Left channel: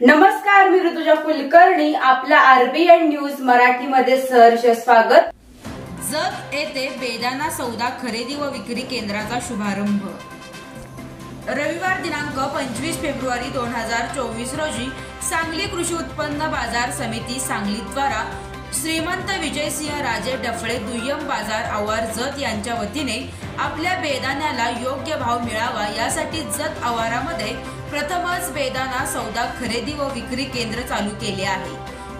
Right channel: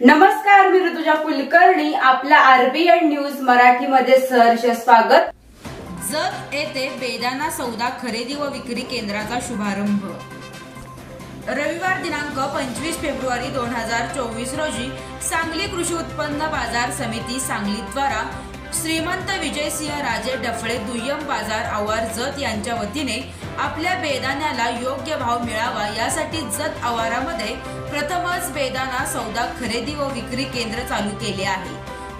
नमस्कार, मी ऋतुजा कुलकर्णी. आपला RBN news Marathi मध्ये सहर्ष स्वागत. जत येथे बेदाणा सौदा खरेदी व विक्री केंद्राचा शुभारंभ. रविवार दिनांक 25 फेब्रुवारी 2024 रोजी सांगली कृषी उत्पन्न बाजार समिती सांगली द्वारा श्रीमंत विजयसिंह राजे डफळे दुय्यम बाजार आवार जत यांच्या वतीने आपल्या बेदाण्याला योग्य भाव मिळावा यासाठी जत आवारामध्ये प्रथमच बेदाणा सौदा खरेदी व विक्री केंद्र चालू केले आहे.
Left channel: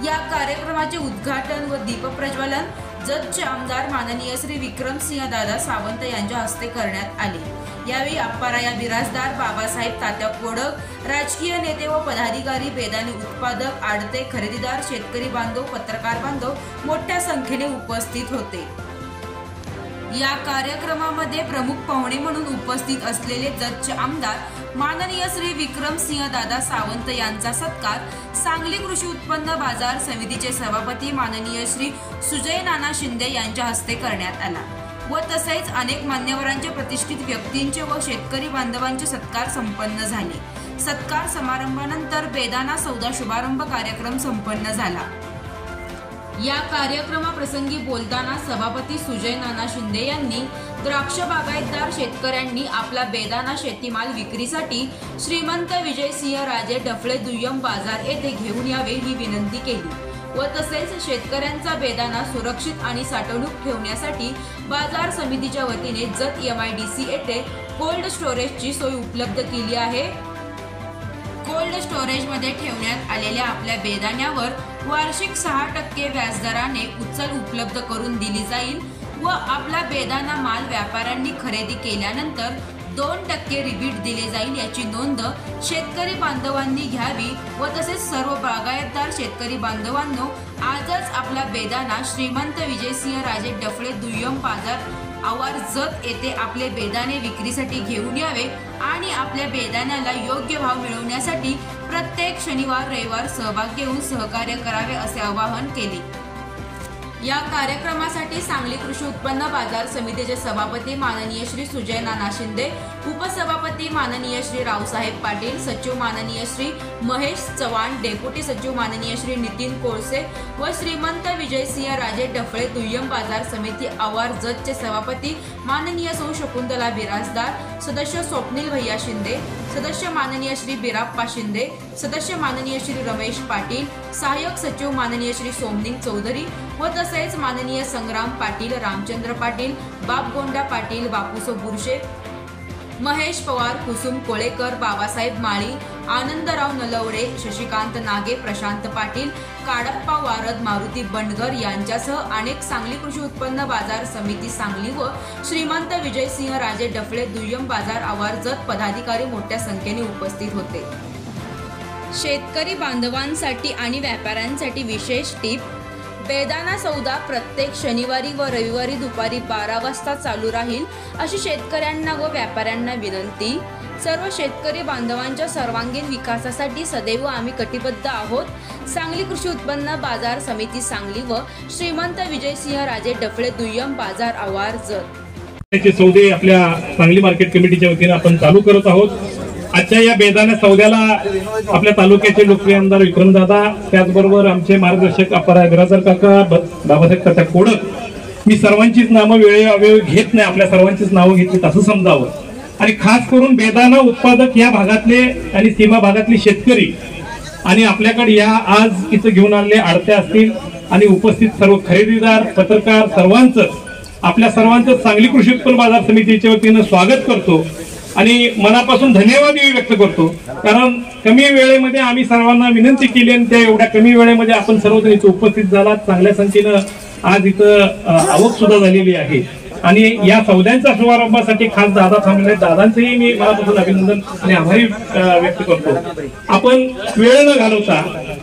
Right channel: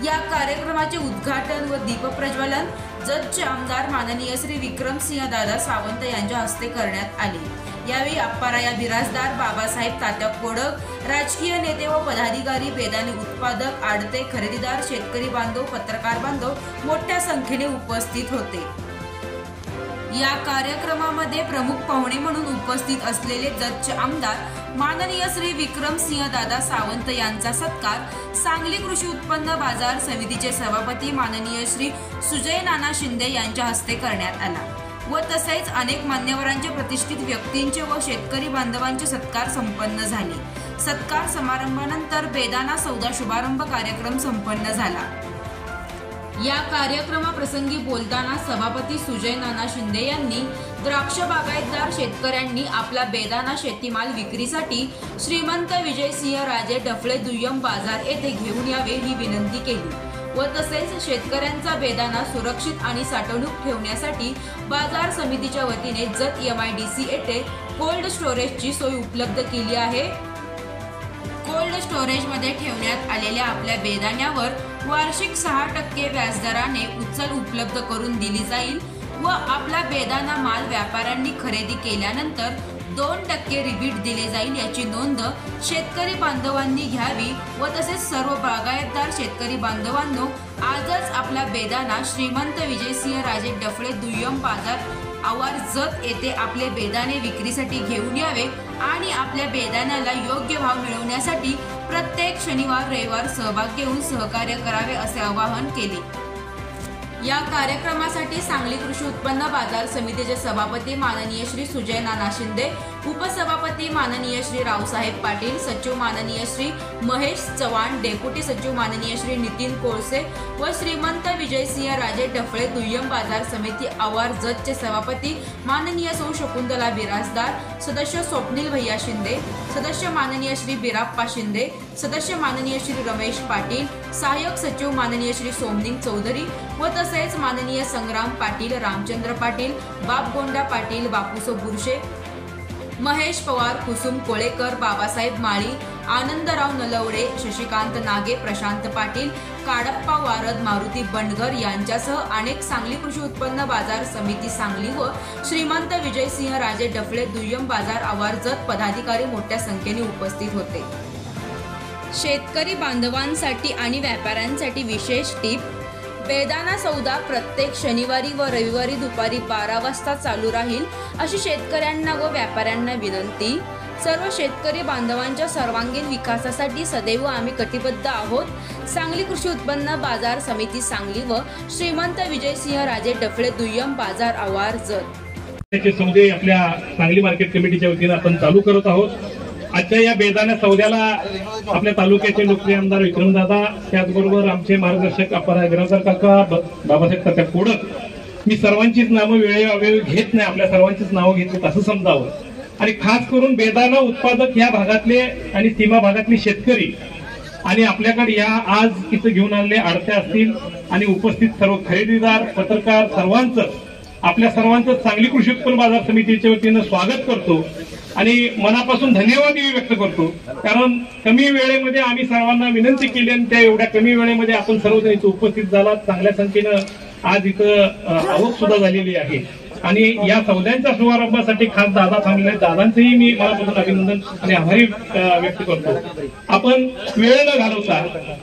या कार्यक्रमाचे उद्घाटन व दीपप्रज्वलन जतचे आमदार माननीय श्री विक्रमसिंह दादा सावंत यांच्या हस्ते करण्यात आले. यावेळी अप्पाराया बिराजदार, बाबासाहेब तात्या कोडक, राजकीय नेते व पदाधिकारी, बेदाणे उत्पादक, आडते, खरेदीदार, शेतकरी बांधव, पत्रकार बांधव मोठ्या संख्येने उपस्थित होते. या कार्यक्रमामध्ये प्रमुख पाहुणे म्हणून उपस्थित असलेले जतचे आमदार माननीय श्री विक्रमसिंह दादा सावंत यांचा सत्कार सांगली कृषी उत्पन्न बाजार समितीचे सभापती माननीय श्री सुजय नाना शिंदे यांच्या हस्ते करण्यात आला व तसेच अनेक मान्यवरांचे, प्रतिष्ठित व्यक्तींचे व शेतकरी बांधवांचे सत्कार संपन्न झाले. सत्कार समारंभानंतर बेदाणा सौदा शुभारंभ कार्यक्रम संपन्न झाला. या कार्यक्रमाप्रसंगी बोलताना सभापती सुजय नाना शिंदे यांनी द्राक्ष बागायतदार शेतकऱ्यांनी आपला बेदाणा शेतीमाल विक्रीसाठी श्रीमंत विजयसिंह राजे डफळे दुय्यम बाजार येथे घेऊन यावे ही विनंती केली व तसेच शेतकऱ्यांचा बेदाणा सुरक्षित आणि साठवणूक ठेवण्यासाठी बाजार समितीच्या वतीने जत MIDC येथे कोल्ड स्टोरेजची सोय उपलब्ध केली आहे. कोल्ड स्टोरेजमध्ये ठेवण्यात आलेल्या आपल्या बेदाण्यावर वार्षिक 6% व्याजदराने उचल उपलब्ध करून दिली जाईल व आपला बेदाणा माल व्यापाऱ्यांनी खरेदी केल्यानंतर 2% रिबीट दिले जाईल याची नोंद शेतकरी बांधवांनी घ्यावी व तसेच सर्व बागायतदार शेतकरी बांधवांनो आजच आपला बेदाणा श्रीमंत विजयसिंह राजे डफळे दुय्यम बाजार आवार जत येथे आपले बेदाणे विक्रीसाठी घेऊन यावे आणि आपल्या बेदाण्याला योग्य भाव मिळवण्यासाठी प्रत्येक शनिवार रविवार सहभाग घेऊन सहकार्य करावे असे आवाहन केले. या कार्यक्रमासाठी सांगली कृषी उत्पन्न बाजार समितीचे सभापती माननीय श्री सुजय नाना शिंदे, उपसभापती माननीय श्री रावसाहेब पाटील, सचिव माननीय श्री महेश चव्हाण, डेप्युटी सचिव माननीय श्री नितीन कोळसे व श्रीमंत विजयसिंह राजे डफळे दुय्यम बाजार समिती आवार जतचे सभापती माननीय सौ शकुंतला बिराजदार, सदस्य स्वप्नील भैया शिंदे, सदस्य माननीय श्री बिराप्पा शिंदे, सदस्य माननीय श्री रमेश पाटील, सहाय्यक सचिव माननीय श्री सोमनिंग चौधरी व तसेच माननीय संग्राम पाटील, रामचंद्र पाटील, बापगोंडा पाटील, बापूसो बुरशे, महेश पवार, कुसुम कोळेकर, बाबासाहेब माळी, आनंदराव नलवडे, शशिकांत नागे, प्रशांत पाटील, काडप्पा वारद, मारुती बंडगर यांच्यासह अनेक सांगली कृषी उत्पन्न बाजार समिती सांगली व श्रीमंत विजयसिंह राजे डफळे दुय्यम बाजार आवार जत पदाधिकारी मोठ्या संख्येने उपस्थित होते. शेतकरी बांधवांसाठी आणि व्यापाऱ्यांसाठी विशेष टीप: बेदाणा सौदा प्रत्येक शनिवारी व रविवारी दुपारी 12 वाजता चालू राहील अशी शेतकऱ्यांना व व्यापाऱ्यांना विनंती. सर्व शेतकरी बांधवांच्या सर्वांगीण विकासासाठी सदैव आम्ही कटिबद्ध आहोत. सांगली कृषी उत्पन्न बाजार समिती सांगली व श्रीमंत विजयसिंह राजे डफळे दुय्यम बाजार आवार जत सौदे आपल्या सांगली मार्केट कमिटीच्या वतीने आपण चालू करत आहोत. आजच्या या बेदाणा सौद्याला आपल्या तालुक्याचे लोकप्रिय आमदार विक्रमदादा, त्याचबरोबर आमचे मार्गदर्शक अप्पाराया बिराजदार काका, बाबासाहेब तात्या कोडक, मी सर्वांचीच नावं वेळोवेळी घेत नाही, आपल्या सर्वांचीच नावं घेतली असं समजावं. आणि खास करून बेदाणा उत्पादक या भागातले आणि सीमा भागातले शेतकरी आणि आपल्याकडे या आज इथं घेऊन आलेले आडते असतील आणि उपस्थित सर्व खरेदीदार, पत्रकार सर्वांचं, आपल्या सर्वांचं सांगली कृषी उत्पन्न बाजार समितीच्या वतीनं स्वागत करतो आणि मनापासून धन्यवादही व्यक्त करतो. कारण कमी वेळेमध्ये आम्ही सर्वांना विनंती केली आणि त्या एवढ्या कमी वेळेमध्ये आपण सर्वजण इथं उपस्थित झालात. चांगल्या संख्येनं आज इथं आवक सुद्धा झालेली आहे आणि या सौद्यांच्या शुभारंभासाठी खास दादा थांबलेले, दादांचंही मी मनापासून अभिनंदन आणि आभारी व्यक्त करतो. आपण वेळ न घालवता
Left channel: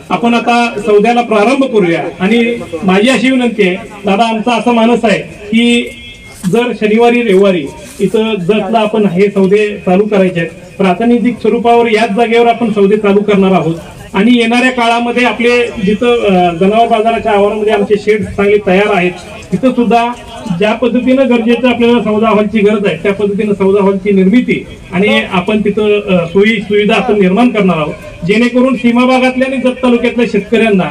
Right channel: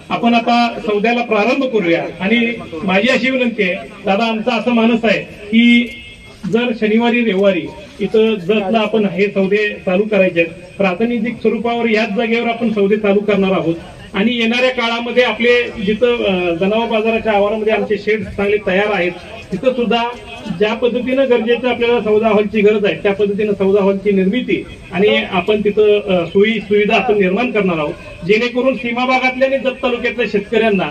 आपण आता सौद्याला प्रारंभ करूया. आणि माझी अशी विनंती आहे, दादा आमचा असा मानस आहे की जर शनिवारी रविवारी इथं जतला आपण हे सौदे चालू करायचे आहेत, प्रातिनिधिक स्वरूपावर याच जागेवर आपण सौदे चालू करणार आहोत आणि येणाऱ्या काळामध्ये आपले जिथं जनावर बाजाराच्या आवारामध्ये आमचे शेड चांगले तयार आहेत, तिथं सुद्धा ज्या पद्धतीनं गरजेचं आपल्याला सौदा हॉलची गरज आहे त्या पद्धतीनं सौदा हॉलची निर्मिती आणि आपण तिथं सोयी सुविधा आपण निर्माण करणार आहोत. जेणेकरून सीमा भागातल्या आणि जत तालुक्यातल्या शेतकऱ्यांना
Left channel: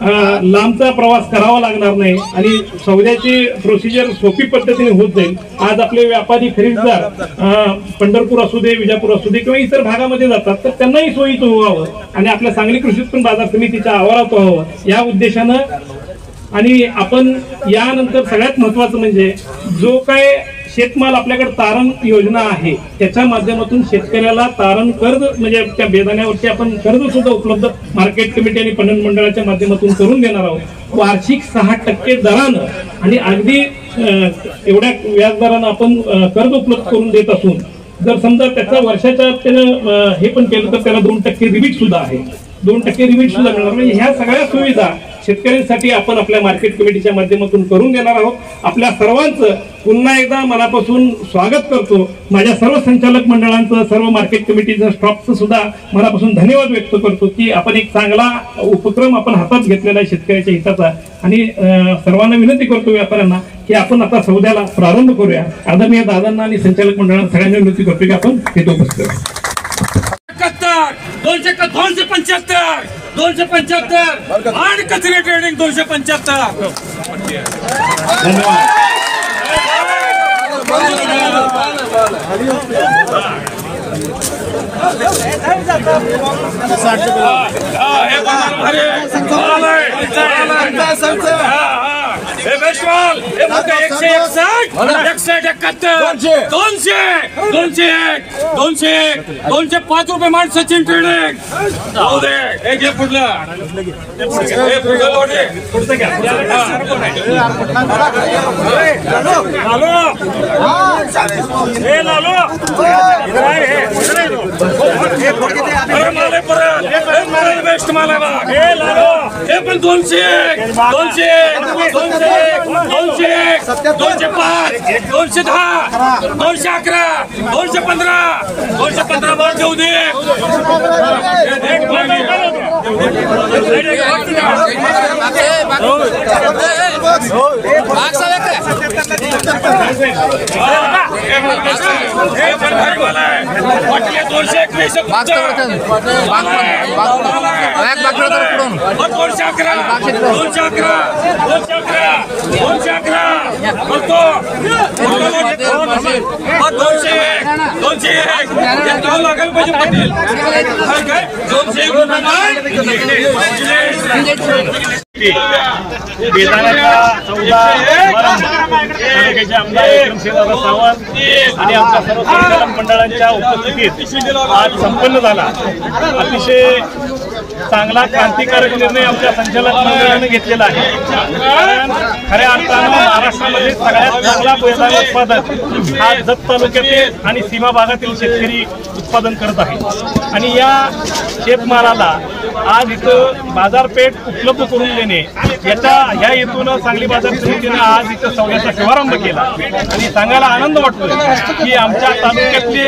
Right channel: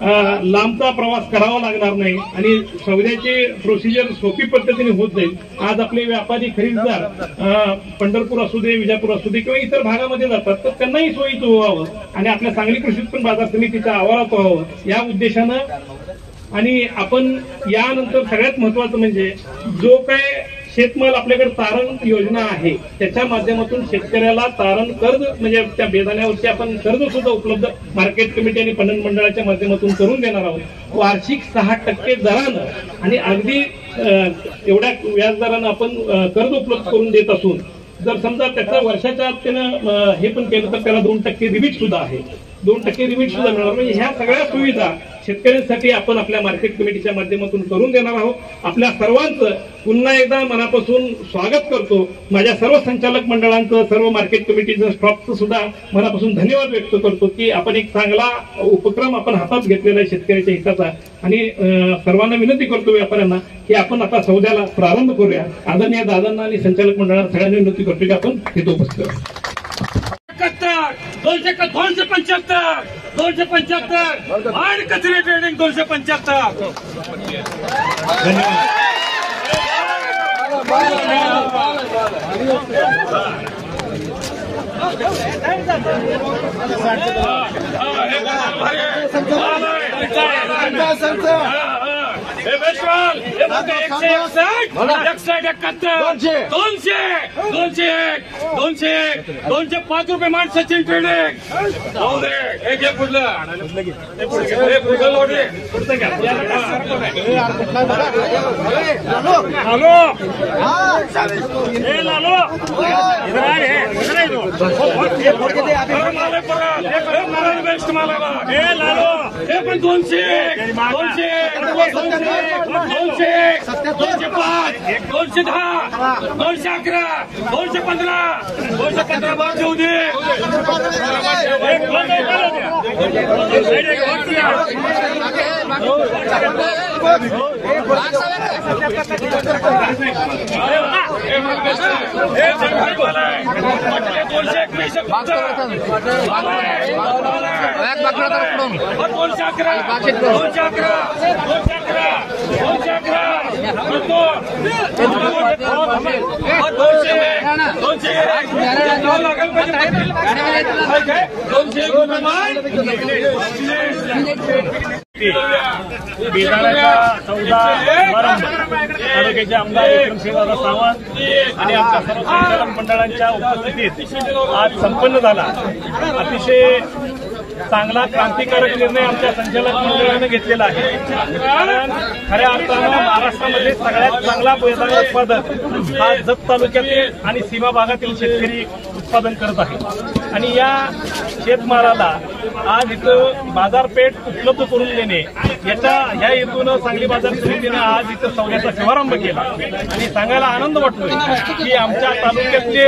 लांबचा प्रवास करावा लागणार नाही आणि सौद्याची प्रोसिजर सोपी पद्धतीने होत जाईल। आज आपले व्यापारी खरेदीदार पंढरपूर असू दे, विजापूर असू दे किंवा इतर भागामध्ये जातात, तर त्यांनाही सोयीचं व्हावं आणि आपल्या सांगली कृषी उत्पन्न बाजार समितीच्या आवारात व्हावं या उद्देशानं। आणि आपण यानंतर सगळ्यात महत्वाचं म्हणजे जो काय शेतमाल आपल्याकडे तारण योजना आहे त्याच्या माध्यमातून शेतकऱ्याला तारण कर्ज म्हणजे त्या बेदाण्यावरती आपण कर्ज सुद्धा उपलब्ध मार्केट कमिटी आणि पणन मंडळाच्या माध्यमातून करून देणार आहोत। वार्षिक 6% दरानं आणि अगदी एवढ्या व्याजदरानं आपण कर्ज उपलब्ध करून देत असून जर समजा त्याचा वर्षाच्या त्यानं हे पण केलं तर त्याला 2% रिबीट सुद्धा आहे, 2% रिबीट सुद्धा मिळणार। म्हणजे ह्या सगळ्या सुविधा शेतकऱ्यांसाठी आपण आपल्या मार्केट कमिटीच्या माध्यमातून करून देणार आहोत। आपल्या सर्वांचं पुन्हा एकदा मनापासून स्वागत करतो। माझ्या सर्व संचालक मंडळांचं, सर्व मार्केट कमिटीचं स्टॉफचं सुद्धा मनापासून धन्यवाद व्यक्त करतो की आपण एक चांगला उपक्रम आपण हातात घेतलेला आहे शेतकऱ्याच्या हिताचा। आणि सर्वांना विनंती करतो व्यापाऱ्यांना की आपण आता सौद्याला प्रारंभ करूया। आदरणीय दादांना आणि संचालक मंडळांना सगळ्यांना विनंती करतो की आपण तिथे उपस्थित करू। 275 आणि कचरे ट्रेडिंग 275। दोनशे 5 रुपये मान सचिन ट्रेडिंग। पण 200 205 210 211 215 215 देऊ दे। बेदाण्याचा सौदा तालुक्याचे आमदार विक्रमसिंहदादा सावंत आणि आमच्या सर्व संचालक मंडळांच्या उपस्थितीत आज संपन्न झाला। अतिशय चांगला क्रांतिकारक निर्णय आमच्या संचालक मंडळाने घेतलेला आहे। कारण खऱ्या अर्थानं महाराष्ट्रामध्ये सगळ्यात चांगला बेदाणा उत्पादन हा जत तालुक्यातील आणि सीमा भागातील शेतकरी उत्पादन करत आहे आणि या शेतमालाला आज इथं बाजारपेठ उपलब्ध करून देणे ह्या हेतून सांगली बाजार समितीने आज इथं सौद्याचा शुभारंभ केला आणि सांगायला आनंद वाटतो की आमच्या तालुक्यातले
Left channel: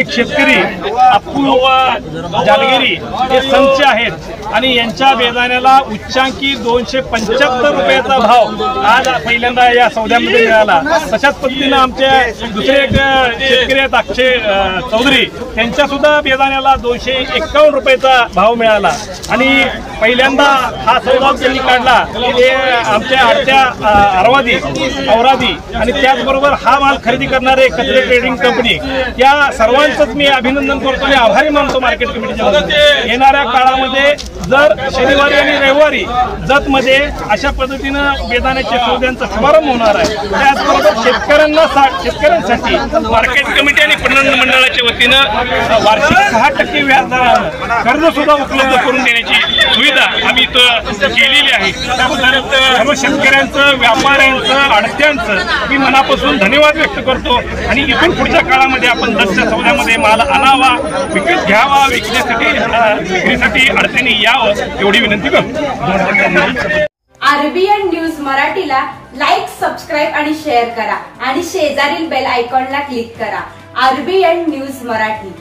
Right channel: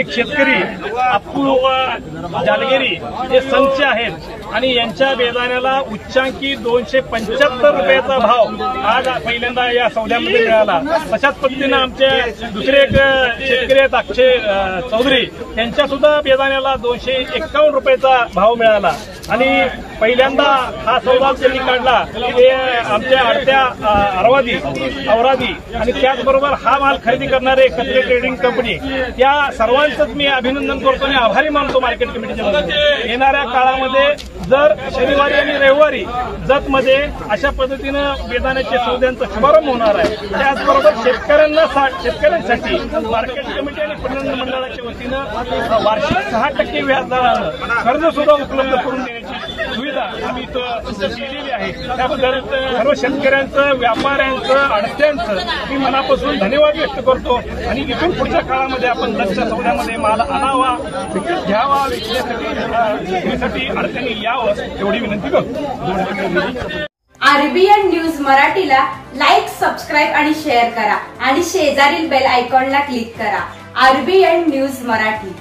एक शेतकरी अप्पू व जालगिरी हे संच आहेत आणि यांच्या बेदाण्याला उच्चांकी 275 रुपयाचा भाव आज पहिल्यांदा या सौद्यामध्ये मिळाला। तशाच पद्धतीनं आमचे दुसरे एक शेतकरी आहेत अक्षय चौधरी, त्यांच्या सुद्धा बेदाण्याला 251 रुपयाचा भाव मिळाला आणि पहिल्यांदा हा सौदा त्यांनी काढला ते आमच्या आडच्या औरादी आणि त्याचबरोबर हा माल खरेदी करणारे कचरे ट्रेडिंग कंपनी या सर्वांचंच मी अभिनंदन करतो आणि आभारी मानतो मार्केट कमिटीच्या। येणाऱ्या काळामध्ये जर शनिवारी आणि रविवारी जतमध्ये अशा पद्धतीनं बेदाण्याच्या सौद्यांचा शुभारंभ होणार आहे। त्याचबरोबर शेतकऱ्यांसाठी मार्केट कमिटी आणि पणन मंडळाच्या वतीनं वार्षिक 6% व्याजदरानं कर्ज सुद्धा उपलब्ध करून देण्याची सुविधा आम्ही इथं केलेली आहे। त्याबद्दल सर्व शेतकऱ्यांचं, व्यापाऱ्यांचं, आडत्यांचं मी मनापासून धन्यवाद व्यक्त करतो आणि इथून पुढच्या काळामध्ये आपण जतच्या सौद्यामध्ये माल आणावा, विकत घ्यावा, विक्रीसाठी अडचणी यावं एवढी विनंती करतो। आरबीएन न्यूज मराठीला लाईक, सबस्क्राईब आणि शेअर करा आणि शेजारील बेल आयकॉनला क्लिक करा। RBN news Marathi.